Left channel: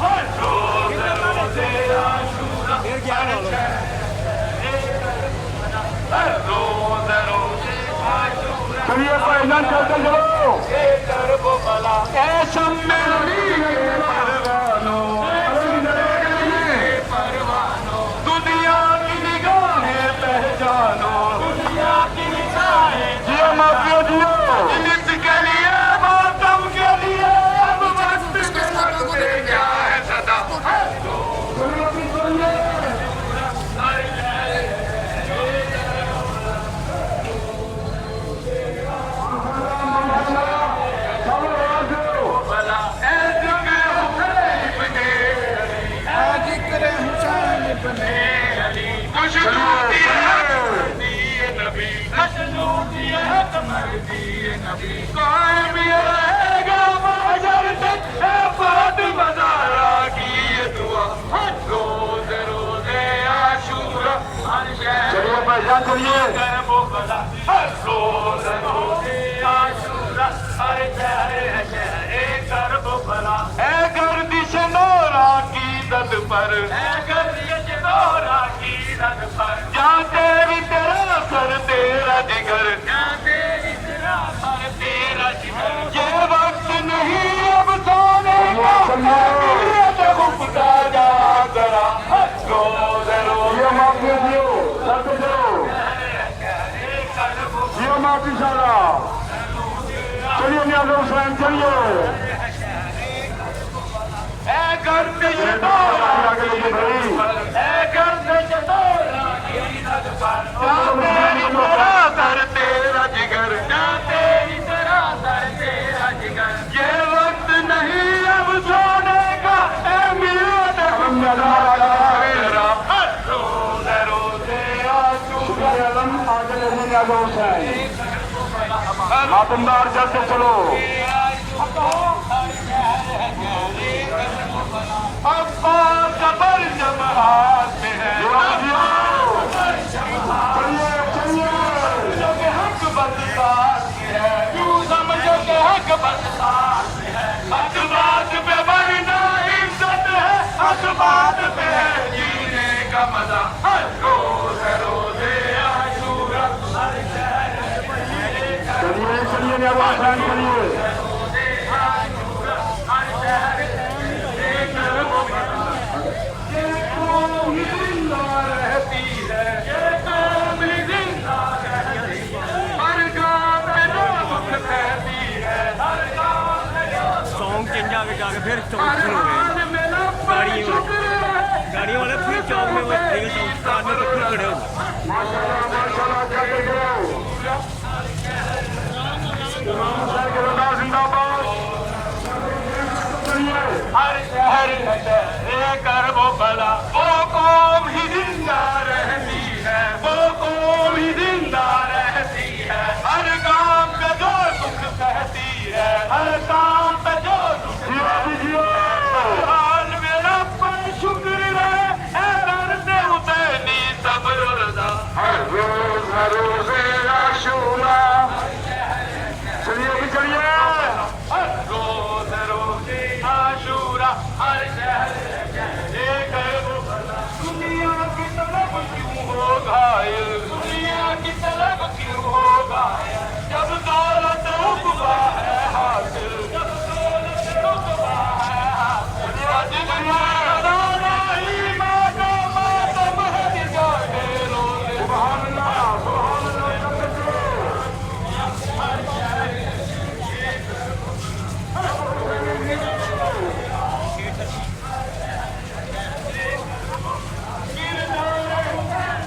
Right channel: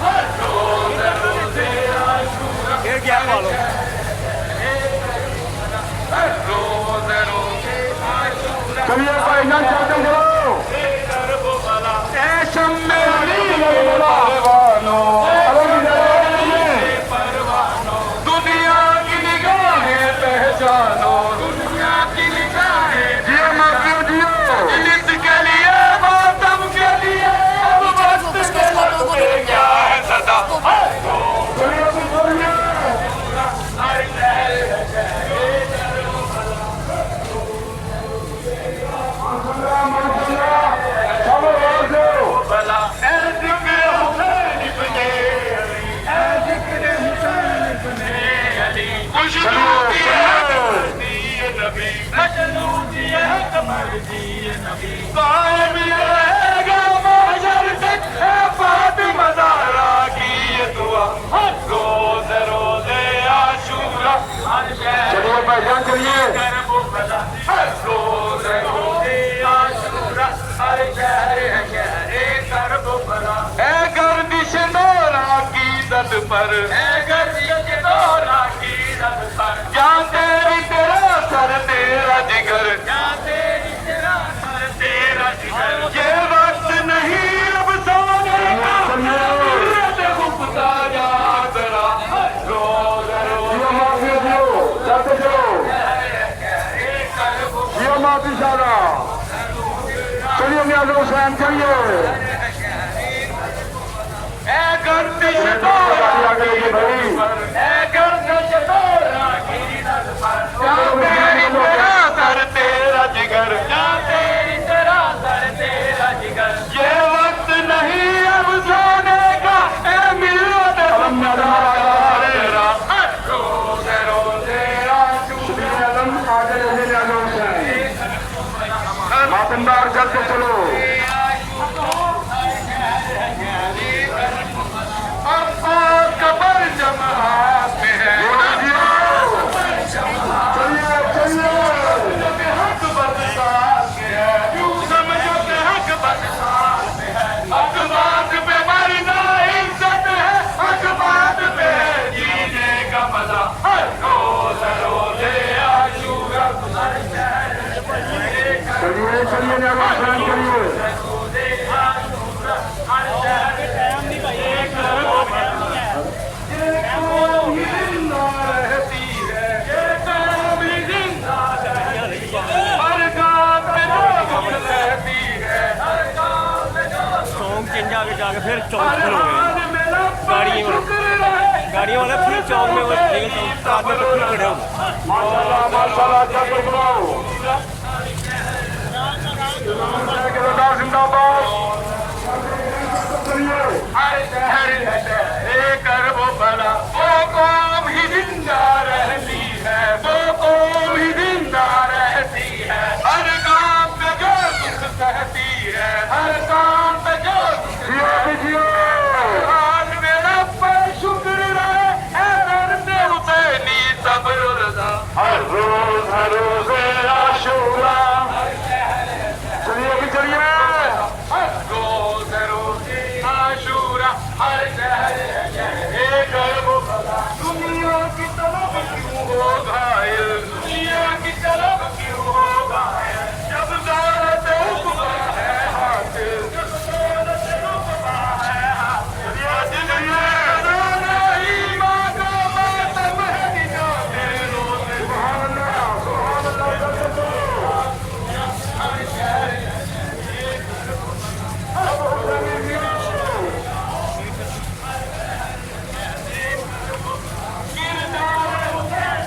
ہر روز روز عاشورہ ہر روز روز عاشورہ چلیے بھائی جان چلتے چلو اے شمع پروانو دنیا کی نگاہیں پہچانو دنیا کی نگاہیں جیو مافیا جیو جس کے لیے ماتم کے لیے اب وقت کے لگتے کیا ہے صدا بلا اے ذکر حسین ابن علی اے ذکر حسین ابن علی خوشنودی ہے نبی خوشنودی ہے قمر دی نبی قائم یہ رہے گا محشر تک اے فاطمہ زہرا کی یہ دعا ہر روز روز عاشورہ ہر شہر چلیے بھائی جان چلیے کرب و بلا ہر روز روز عاشورہ ہر شہر ہے شہر کرب و بلا اے گردش نورا کی زد پر اے گردش نورا کی زد پر جہاں تیری تیرا سر تیرا جگر جہاں تیری تیرا سر تیرا جگر یہ وقت نہیں اب سونے کا سورت خوبتا جا ذرا روز جیو مافیا جیو چلتے چلو کرب جیو مافی شادہ چلیے نیاز حسین چلیے اے گردش نورا آگے لگے بھائی اے گردش نورا کی زد پر جہاں تیری تیرا سر تیرا جگر جہاں تیری تیرا سر تیرا جگر یہ وقت نہیں اب سونے کا اے ملت تیرا ہر روز روز عاشورہ آگے لگے نیاز حسین ماتمدار چلتے چلو اب قبر جماعت میں ہے چلیے چلیے حق بدسان میں ہے کیوں سمجھتے حق بدسان میں ہے حق بات پہ مرنا عزت ہے حق بات پہ جینے کا مزہ ہر روز روز عاشورہ ہر شہر چلیے چلیے نیاز حسین چلیے روز عاشورہ ہر شہر کرب و بلا یہ قوم ہی زندہ رہتی ہے یہ قوم ہی زندہ رہتی ہے ہر گام میں جو دکھ سہتی ہے ہر گام میں جو چونک چینج آگے جا کے پھر چونک ہر شروع ہو گئی حال میں لب پر شکر رہے گاڑیوں والا پھر چونک میں تیری صبر و رضا ماشاءاللہ چلتے چلو امام حسین کے سردار زندہ باد ہر شہر ہے کرب و بلا وہ قوم ہی زندہ رہتی ہے وہ قوم ہی زندہ رہتی ہے ہر کام پہ جو دکھ سہتی ہے ہر کام پہ جو دکھ جیو جیو حال میرا پر شکر رہے اے درد حسینی صبر و رضا ہر روز عاشورہ چلیے بھی چلیے ہر روز روز عاشورہ ہر شہر ہے کرب و بلا دنیا کی طلب کیوں ہو گھائل دنیا کی طلب کیوں ہو گھائل جب دولت عقبا ہے حاصل جب دولت عقبا ہے حاصل خزانہ ایمان کا ماتم ہے نجات روز سبحان اللہ چلتے چلو ہر شہر اب حسین کردار حسین